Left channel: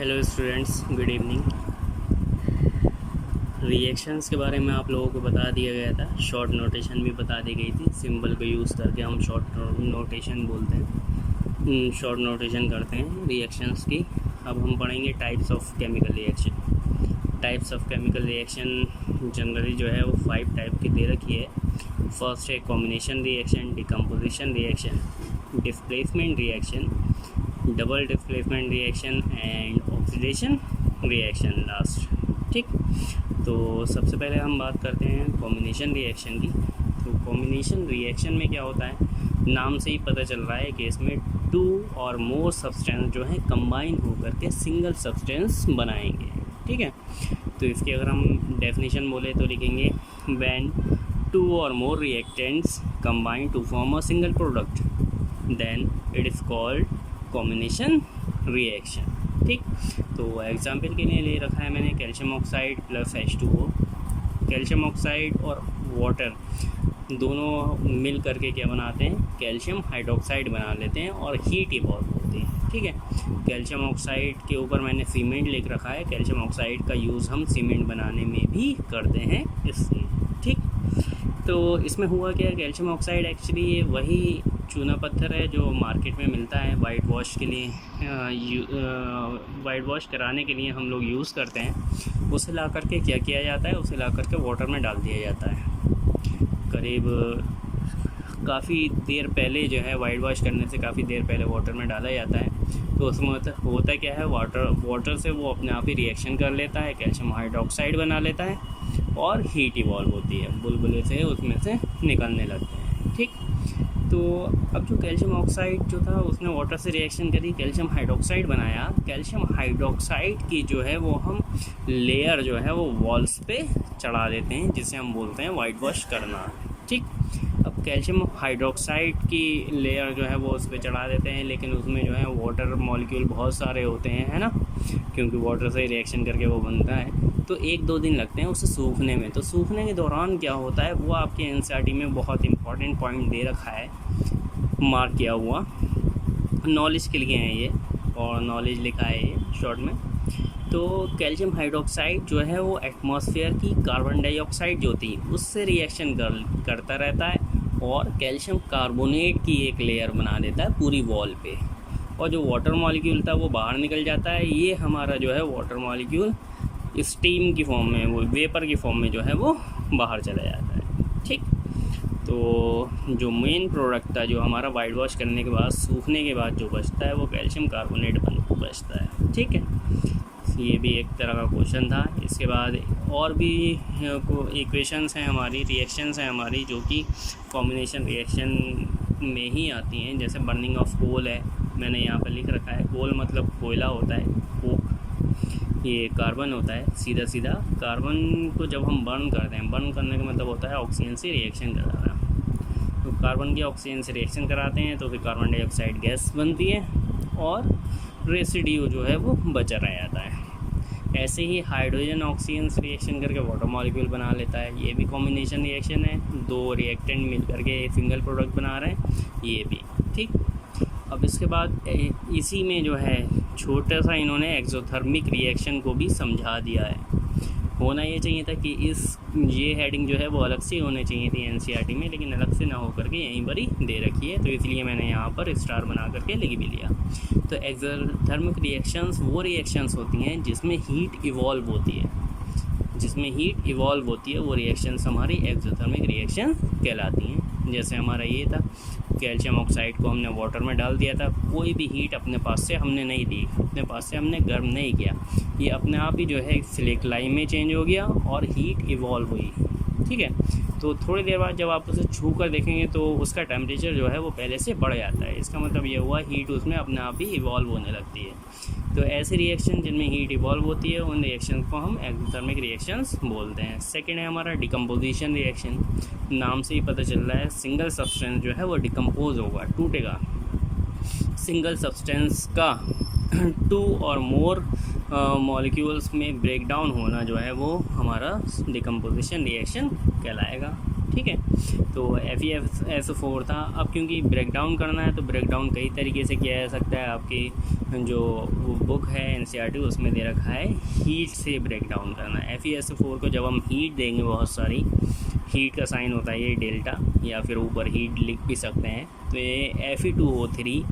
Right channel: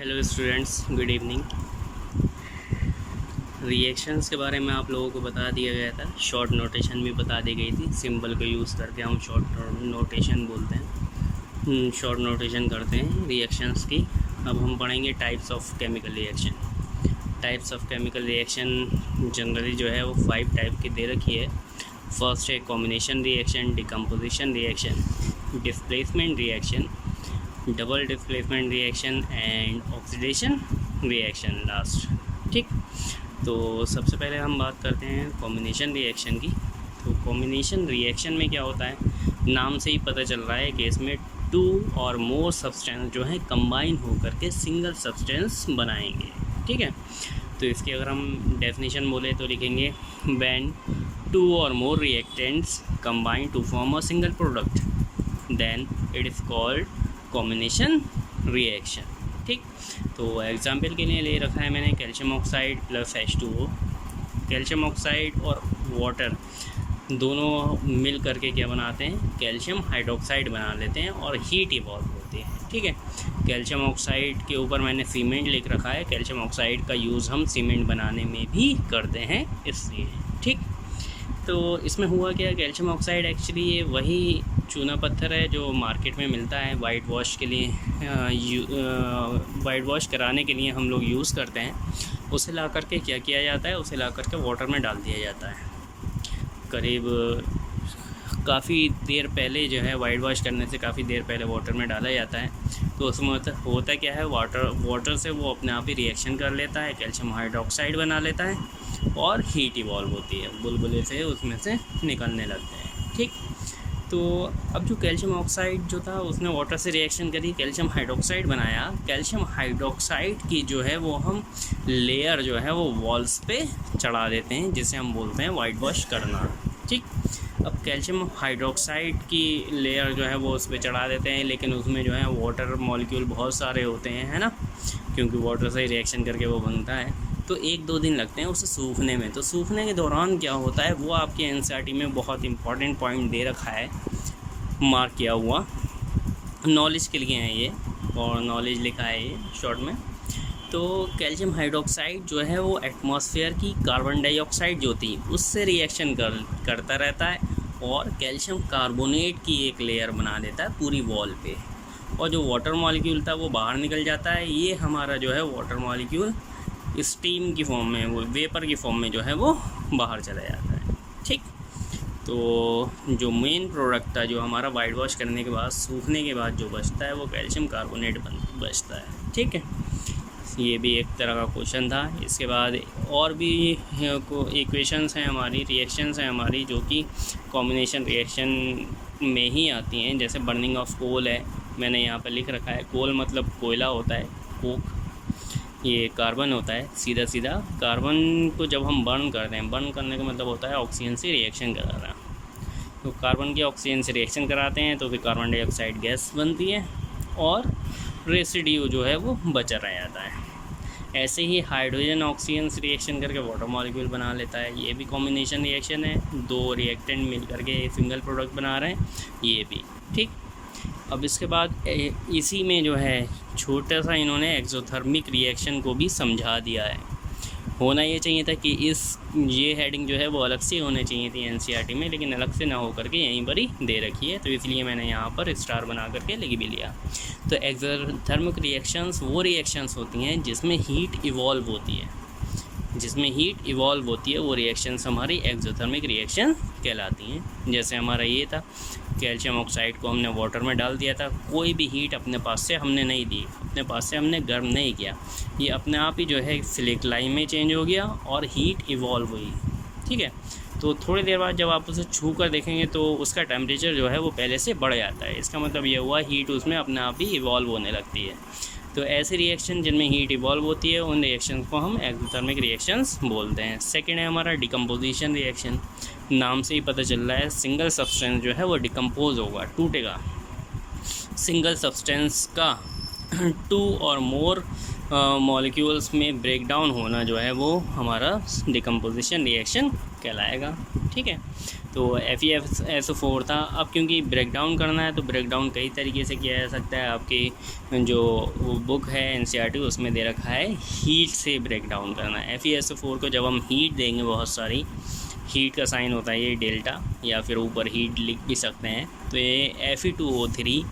Hello students, good evening. Reactions के बारे में आप लोगों को बता दिया गया था, शॉर्ट नोटेशन भी बता दी गई थी। सिंबल को यूज़ करके हम शॉर्ट नोटेशन बोलते हैं, शॉर्ट नोटेशन करते हैं रिएक्शंस की। अब हम पढ़ेंगे types of chemical reaction. Types of chemical reaction generally जो है वो 5 टाइप की दे रखी है। फर्स्ट है combination reaction, decomposition reaction, displacement reaction, double displacement reaction and oxidation reaction last. ठीक, तो सबसे पहले हम बात करते हैं कॉम्बिनेशन रिएक्शन की। तो कॉम्बिनेशन रिएक्शन में क्या होता है, नाम से ही पता चल रहा है कि इसमें 2 और मोर सब्सटेंस जो है कंबाइन होकर के सिंगल सब्सटेंस बनाएंगे। ठीक है, तो इसकी अगर हम डेफिनेशन बोले तो लिखेंगे व्हेन 2 और more reactants combine to form a single product then it is called combination reaction. ठीक, तो एग्जाम्पल के लिए ले रखा है मैंने calcium oxide plus H2O। Calcium oxide और वाटर दोनों मिल करके क्या बनाते हैं, कैल्शियम हाइड्रोक्साइड बना लेते हैं और हीट इवॉल्व होती है। ठीक है, कैल्शियम ऑक्साइड के ऊपर मैंने सीमेंट लिख रखा है। कैल्शियम ऑक्साइड का यूज़ हम सीमेंट बनाने में भी करते हैं इसलिए। ठीक, तो इसमें हुआ क्या, कैल्शियम ऑक्साइड एक्चुअली वही चूना पत्थर है जो मार्केट में मिलता है वाइट वॉश के लिए, वाइट वॉश कराने के लिए हम लोग यूज़ करते हैं। उसे ला करके क्या किया जाता है, उसे ला करके वाटर में डाल दिया जाता है। करीब काफ़ी देर पहले जो है वाइट वॉश करने से काफ़ी देर पहले वाटर में डाला जाता है। तो उसमें होता क्या है, वाटर से वो अपने आप ही रिएक्शन कर लेता है, कैल्शियम हाइड्रोक्साइड बना लेता है और हीट इवॉल्व होती है, बुलबुले से उसमें से निकलने लगते हैं। ठीक, तो अब जो कैल्शियम ऑक्साइड जो था उसने वाटर से रिएक्शन करी, कैल्शियम हाइड्रोक्साइड बनाया। कैल्शियम हाइड्रोक्साइड की जो है वो हम लेयर जो है वो वॉल्स पे चढ़ा देते हैं, जिसे हम बोलते हैं वाइट वॉश करना। ठीक, अब कैल्शियम हाइड्रोक्साइड की लेयर जो है वो उस पर चढ़ा देते हैं, लेकिन उसमें जो है वाटर मॉलिक्यूल बहुत सारे होते हैं, है ना, क्योंकि वाटर से रिएक्शन करके वो बनता है। तो 1-2 दिन लगते हैं उसे सूखने में। तो सूखने के दौरान क्या होता है, वो आपके एनसीईआरटी में बहुत इंपॉर्टेंट पॉइंट दे रखा है, मार्क किया हुआ, नॉलेज के लिए है ये, और नॉलेज लिखा है ये शॉर्ट में। तो कैल्शियम हाइड्रोक्साइड जो है वो एटमॉस्फेयर की कार्बन डाइऑक्साइड जो थी उससे रिएक्शन करता रहता है और कैल्शियम कार्बोनेट की एक लेयर बना देता है पूरी वॉल पे, और जो वाटर मॉलिक्यूल था वो बाहर निकल जाता है। ये हमारा जो है वाटर मॉलिक्यूल स्टीम की फॉर्म में, वो वेपर की फॉर्म में जो है वो बाहर चला जाता है। ठीक, तो जो मेन प्रोडक्ट था जो हमारा वाइट वॉश करने के बाद सूखने के बाद जो बचता है वो कैल्शियम कार्बोनेट बचता है। ठीक है, ये भी एक तरह का क्वेश्चन था। इसके बाद और भी इक्वेशंस हैं हमारी, रिएक्शंस हैं हमारी जो कि कॉम्बिनेशन रिएक्शन में ही आती हैं। जैसे बर्निंग ऑफ कोल है, मैंने यहाँ पर लिख रखा है। कोल मतलब कोयला होता है, कोक। ये कार्बन होता है, सीधा सीधा कार्बन को जब हम बर्न करते हैं, बर्न करने का मतलब होता है ऑक्सीजन से रिएक्शन कराना। तो कार्बन की ऑक्सीजन से रिएक्शन कराते हैं तो फिर कार्बन डाइऑक्साइड गैस बनती है और रेसिड्यू जो है वो बचा रह जाता है। ऐसे ही हाइड्रोजन ऑक्सीजन से रिएक्शन करके वाटर मॉलिक्यूल बना लेता है, ये भी कॉम्बिनेशन रिएक्शन है। 2 रिएक्टेंट मिल करके सिंगल प्रोडक्ट बना रहे हैं, ये भी। ठीक, अब इसके बाद इसी में जो है छोटा सा इन्होंने एक्सोथर्मिक रिएक्शन को भी समझा दिया है। होना ये चाहिए था कि ये हेडिंग जो है वो अलग से होनी चाहिए थी एनसीईआरटी में, लेकिन अलग से ना हो करके यहीं पर ही दे रखी है, तो इसलिए मैंने यहाँ पर स्टार बना करके लिख भी लिया। तो एक्सोथर्मिक रिएक्शंस वो रिएक्शंस होती हैं जिसमें हीट इवॉल्व होती है, जिसमें हीट इवॉल्व होती है वो रिएक्शंस हमारी एक्सोथर्मिक रिएक्शन कहलाती हैं। जैसे हमारा ये था, कैल्शियम ऑक्साइड को हमने वाटर में डाल दिया था, कोई भी हीट अपने पास से हमने नहीं दी, अपने पास से हमने गर्म नहीं किया, ये अपने आप ही जो है सिलेक्लाइन में चेंज हो गया और हीट इवॉल्व हुई। ठीक है, तो थोड़ी देर बाद जब आप उसे छू कर देखेंगे तो उसका टेम्परेचर जो है वो पहले से बढ़ जाता है। इसका मतलब ये हुआ हीट उसमें अपने आप ही इवॉल्व होने लगती है। तो ऐसे रिएक्शन जिनमें हीट इवॉल्व होती है उन रिएक्शंस को हम एक्सोथर्मिक रिएक्शंस बोलते हैं। सेकेंड है हमारा डिकम्पोजिशन रिएक्शन। नाम से ही पता चल रहा है सिंगल सब्सटेंस जो है वो डिकम्पोज होगा, टूटेगा। सिंगल सब्सटेंस का 2 और मोर मॉलिक्यूल्स में ब्रेक डाउन होना जो है वो हमारा डिकम्पोजिशन रिएक्शन कहलाएगा। ठीक है। तो FeSO4 था। अब क्योंकि ब्रेक डाउन करना है तो ब्रेक डाउन कई तरीके से किया जा सकता है। आपकी जो वो बुक है NCERT उसमें दे रखा है हीट से ब्रेक डाउन करना है। FeSO4 को जब हम हीट देंगे, बहुत सारी हीट का साइन होता है ये डेल्टा, या फिर ऊपर हीट लिख भी सकते हैं। तो ये Fe2O3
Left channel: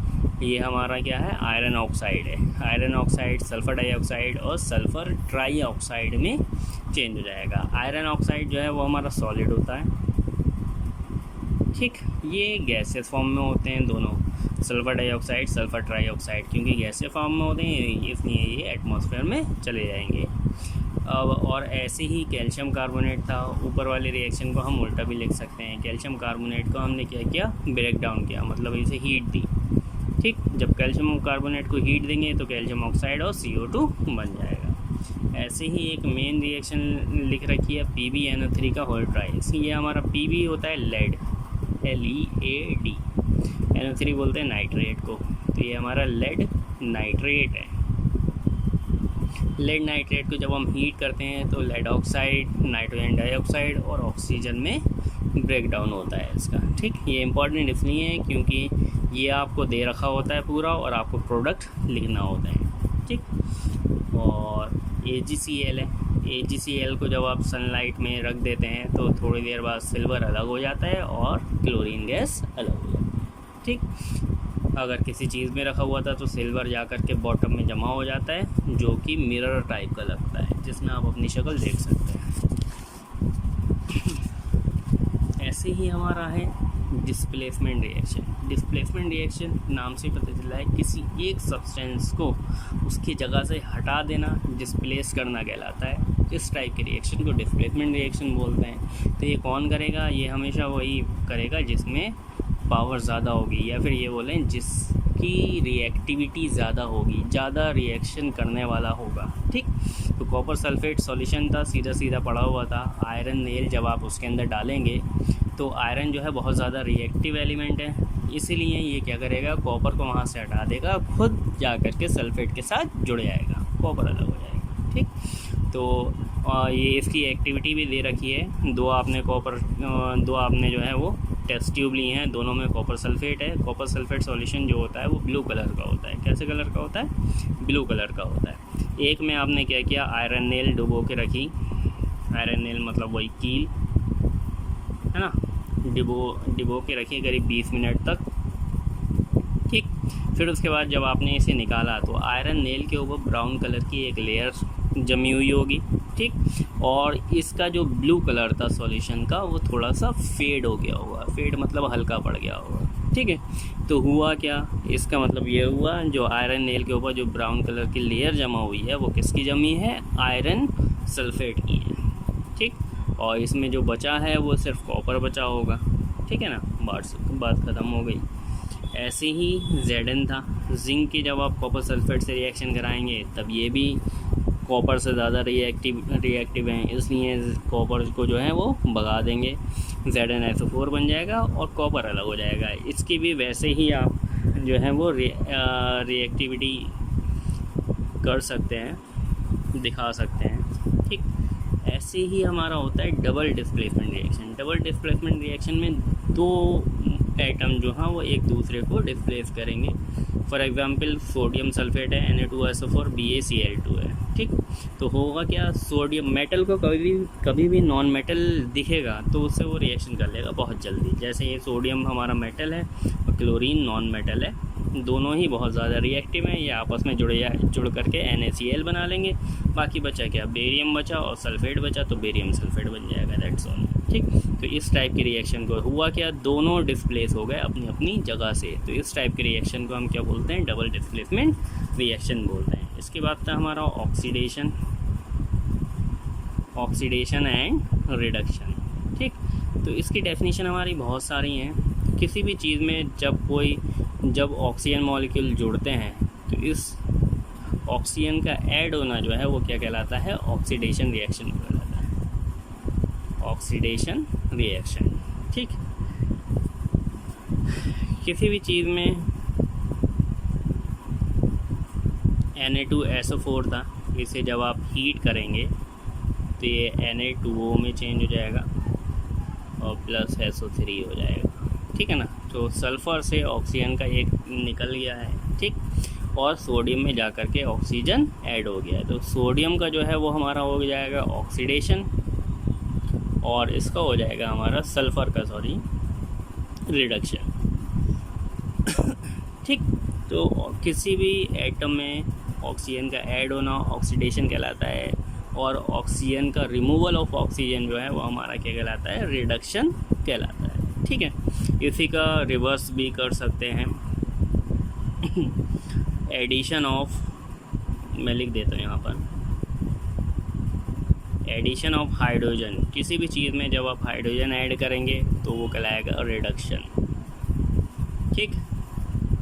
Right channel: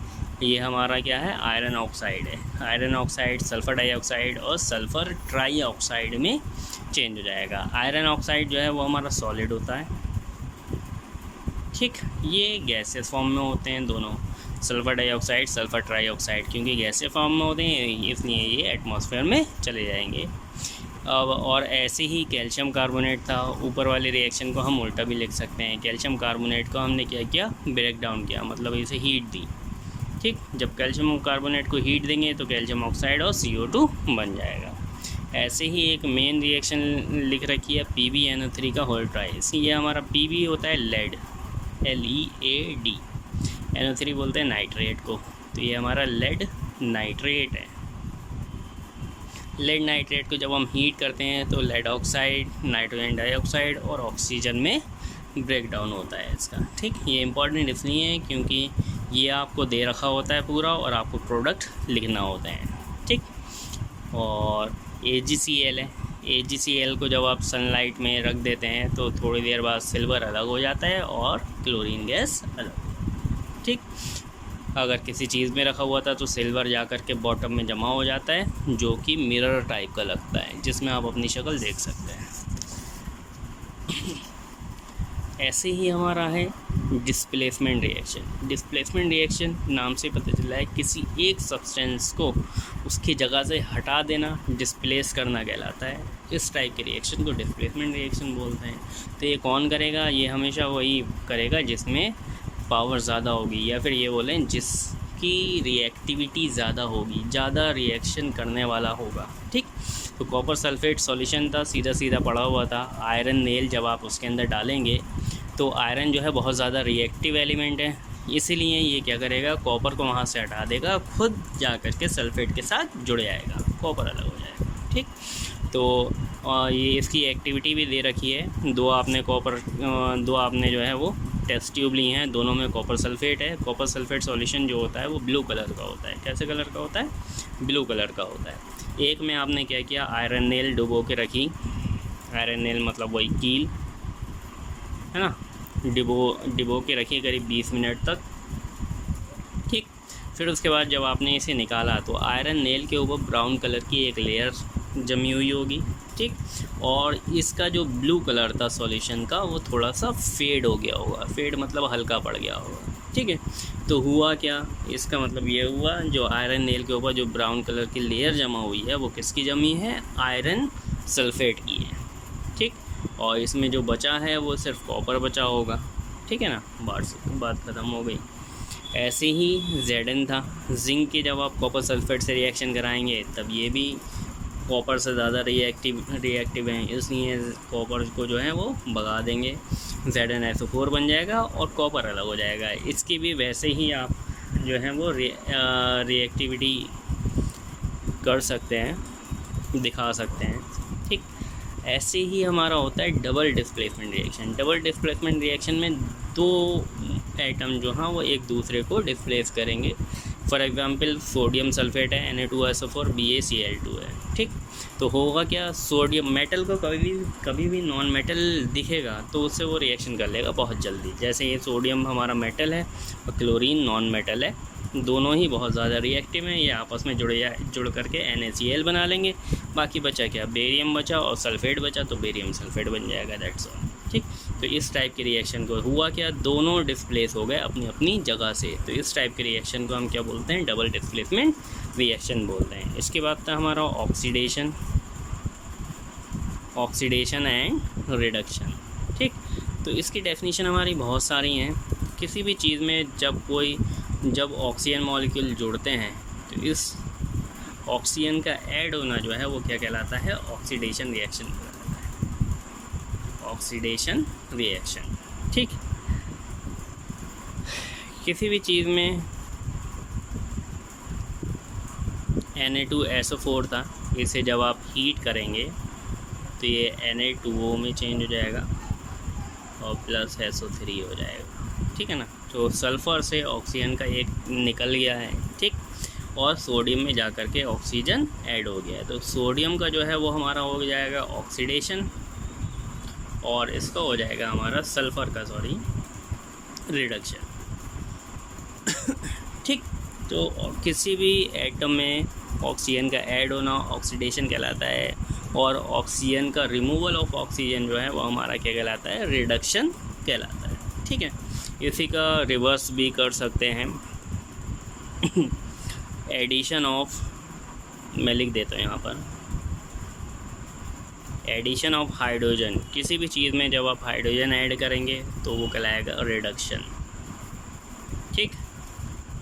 ये हमारा क्या है, आयरन ऑक्साइड है। आयरन ऑक्साइड सल्फ़र डाइऑक्साइड और सल्फ़र ट्राईऑक्साइड में चेंज हो जाएगा। आयरन ऑक्साइड जो है वो हमारा सॉलिड होता है, ठीक। ये गैसेस फॉर्म में होते हैं दोनों, सल्फ़र डाइऑक्साइड सल्फ़र ट्राईऑक्साइड, क्योंकि गैसेस फॉर्म में होते हैं इसलिए ये एटमॉस्फेयर में चले जाएंगे। अब और ऐसे ही कैल्शियम कार्बोनेट था, ऊपर वाले रिएक्शन को हम उल्टा भी लिख सकते हैं। कैल्शियम कार्बोनेट को हमने क्या किया, ब्रेक डाउन किया, मतलब इसे हीट दी, ठीक। जब कैल्शियम कार्बोनेट को हीट देंगे तो कैल्शियम ऑक्साइड और CO2 बन जाएगा। ऐसे ही एक मेन रिएक्शन लिख रखी है PbNO3 का होल ट्राइस। ये हमारा Pb होता है लेड, LEAD, NO3 बोलते हैं नाइट्रेट को, तो ये हमारा लेड नाइट्रेट है। लेड नाइट्रेट को जब हम हीट करते हैं तो लेड ऑक्साइड, नाइट्रोजन डाइऑक्साइड और ऑक्सीजन में ब्रेक डाउन होता है इसका, ठीक। ये इंपॉर्टेंट इसलिए है क्योंकि ये आपको दे रखा होता है पूरा और आपको प्रोडक्ट लिखना होते हैं, ठीक। और AgCl है। AgCl को जब आप सनलाइट में रख देते हैं तो थोड़ी देर बाद सिल्वर अलग हो जाता है और क्लोरीन गैस अलग हो जाता है, ठीक। अगर किसी चीज़ में रखा हुआ था तो सिल्वर जा कर के बॉटम में जमा हो जाता है, जो कि मिरर टाइप का लगता है, जिसमें आप अपनी शक्ल देख सकते हैं। ऐसे ही हमारा है डिस्प्लेसमेंट रिएक्शन। डिस्प्लेसमेंट रिएक्शन नाम से पता चला है किसी एक सब्सटेंस को उसकी जगह से हटा देना, डिस्प्लेस करना कहलाता है। इस टाइप के रिएक्शन को डिस्प्लेसमेंट रिएक्शन बोलते हैं। तो ये कौन करेगा, ये हमेशा वही करेगा जिसमें पावर ज़्यादा होगी, या फिर ये बोलें जिसकी रिएक्टिविटी ज़्यादा होगी, ज़्यादा रिएक्शन करने वाला होगा, ठीक। तो कॉपर सल्फेट सॉल्यूशन था, सीधा सीधा पड़ा हुआ था। आयरन नेल जब आप उसके अंदर डालेंगे तो आयरन जो है बहुत ज़्यादा रिएक्टिव एलिमेंट है, इसीलिए ये क्या करेगा, कॉपर को वहाँ से हटा देगा, खुद जा कर के सल्फेट के साथ जुड़ जाएगा, कॉपर अलग हो जाएगा, ठीक। तो ये इसकी एक्टिविटी भी दे रखी है। दो आपने जो है वो टेस्ट ट्यूब ली हैं, दोनों में कॉपर सल्फेट है। कॉपर सल्फेट सॉल्यूशन जो होता है वो ब्लू कलर का होता है। कैसे कलर का होता है, ब्लू कलर का होता है। एक में आपने क्या किया, आयरन नेल डुबो के रखी, आयरन नेल मतलब वही कील है ना, डिबो के रखिए करीब 20 मिनट तक, ठीक। फिर उसके बाद जब आपने इसे निकाला तो आयरन नेल के ऊपर ब्राउन कलर की एक लेयर जमी हुई होगी, ठीक। और इसका जो ब्लू कलर था सॉल्यूशन का वो थोड़ा सा फेड हो गया होगा, फेड मतलब हल्का पड़ गया होगा, ठीक है। तो हुआ क्या, इसका मतलब ये हुआ जो आयरन नेल के ऊपर जो ब्राउन कलर की लेयर जमा हुई है वो किसकी जमी है, आयरन सल्फेट की है, ठीक। और इसमें जो बचा है वो सिर्फ कॉपर बचा होगा, ठीक है ना, बात ख़त्म हो गई। ऐसे ही Zn था, जिंक की जब आप कॉपर सल्फेट से रिएक्शन कराएंगे तब ये भी कॉपर से ज़्यादा रिएक्टिव हैं, इसलिए कॉपर को जो है वो भगा देंगे, ZnSO4 बन जाएगा और कॉपर अलग हो जाएगा। इसकी भी वैसे ही आप जो है वो रिएक्टिविटी कर सकते हैं, दिखा सकते हैं, ठीक। ऐसे ही हमारा होता है double displacement reaction. Double displacement reaction में दो एटम जो हैं वो एक दूसरे को डिस्प्लेस करेंगे। फॉर एग्जांपल सोडियम सल्फेट है, Na2SO4 BaCl2 है, ठीक। तो होगा क्या, सोडियम मेटल को कभी भी नॉन मेटल दिखेगा तो उससे वो रिएक्शन कर लेगा बहुत जल्दी। जैसे ये सोडियम हमारा मेटल है और क्लोरीन नॉन मेटल है, दोनों ही बहुत ज़्यादा रिएक्टिव हैं, ये आपस में जुड़ करके NaCl बना लेंगे। बाकी बचा क्या, बेरियम बचा और सल्फेट बचा, तो बेरियम सल्फेट बन जाएगा, दैट्स ऑल, ठीक। तो इस टाइप की रिएक्शन को हुआ क्या, दोनों डिस्प्लेस हो गए अपनी अपनी जगह से। तो इस टाइप की रिएक्शन को हम क्या बोलते हैं, डबल डिस्प्लेसमेंट रिएक्शन बोलते हैं। इसके बाद था हमारा ऑक्सीडेशन एंड रिडक्शन, ठीक। तो इसकी डेफिनेशन हमारी बहुत सारी हैं। किसी भी चीज़ में जब ऑक्सीजन मॉलिक्यूल जुड़ते हैं तो इस ऑक्सीजन का ऐड होना जो है वो क्या कहलाता है, ऑक्सीडेशन रिएक्शन कहलाता है, ऑक्सीडेशन रिएक्शन, ठीक। किसी भी चीज़ में Na2SO4 था, इसे जब आप हीट करेंगे तो ये Na2O में चेंज हो जाएगा, और प्लस SO3 हो जाएगा, ठीक है ना। तो सल्फ़र से ऑक्सीजन का एक निकल गया है, ठीक, और सोडियम में जा कर के ऑक्सीजन ऐड हो गया है। तो सोडियम का जो है वो हमारा हो जाएगा ऑक्सीडेशन, और इसका हो जाएगा हमारा सल्फ़र का रिडक्शन, ठीक। तो किसी भी एटम में ऑक्सीजन का ऐड होना ऑक्सीडेशन कहलाता है, और ऑक्सीजन का रिमूवल ऑफ ऑक्सीजन जो है वो हमारा क्या कहलाता है, रिडक्शन कहलाता है, ठीक है। इसी का रिवर्स भी कर सकते हैं। एडिशन ऑफ, मैं लिख देता हूँ यहाँ पर, एडिशन ऑफ हाइड्रोजन, किसी भी चीज़ में जब आप हाइड्रोजन ऐड करेंगे तो वो कहलाएगा रिडक्शन, ठीक।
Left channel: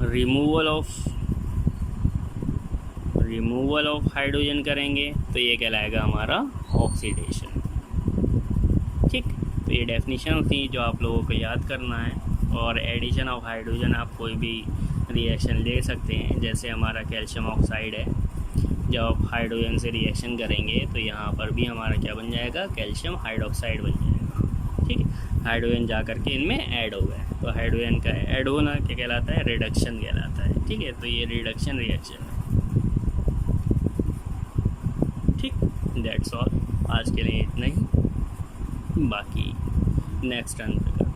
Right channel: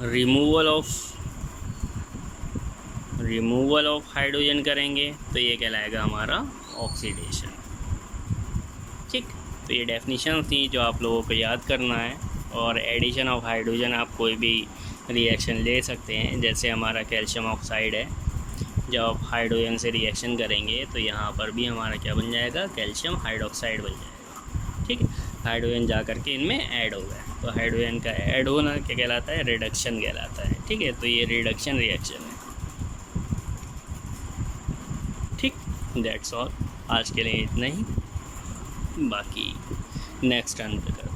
रिमूवल ऑफ हाइड्रोजन करेंगे तो ये कहलाएगा हमारा ऑक्सीडेशन, ठीक। तो ये डेफिनेशन थी जो आप लोगों को याद करना है। और एडिशन ऑफ हाइड्रोजन आप कोई भी रिएक्शन ले सकते हैं, जैसे हमारा कैल्शियम ऑक्साइड है, जब आप हाइड्रोजन से रिएक्शन करेंगे तो यहाँ पर भी हमारा क्या बन जाएगा, कैल्शियम हाइड्रोक्साइड बन जाएगा, ठीक है। हाइड्रोजन जा करके इनमें ऐड हो गया, तो हाइड्रोजन का ऐड होना क्या कहलाता है, रिडक्शन कहलाता है, ठीक है। तो ये रिडक्शन रिएक्शन है, ठीक। दैट्स ऑल, आज के लिए इतना ही, बाकी नेक्स्ट टर्न पे करते हैं।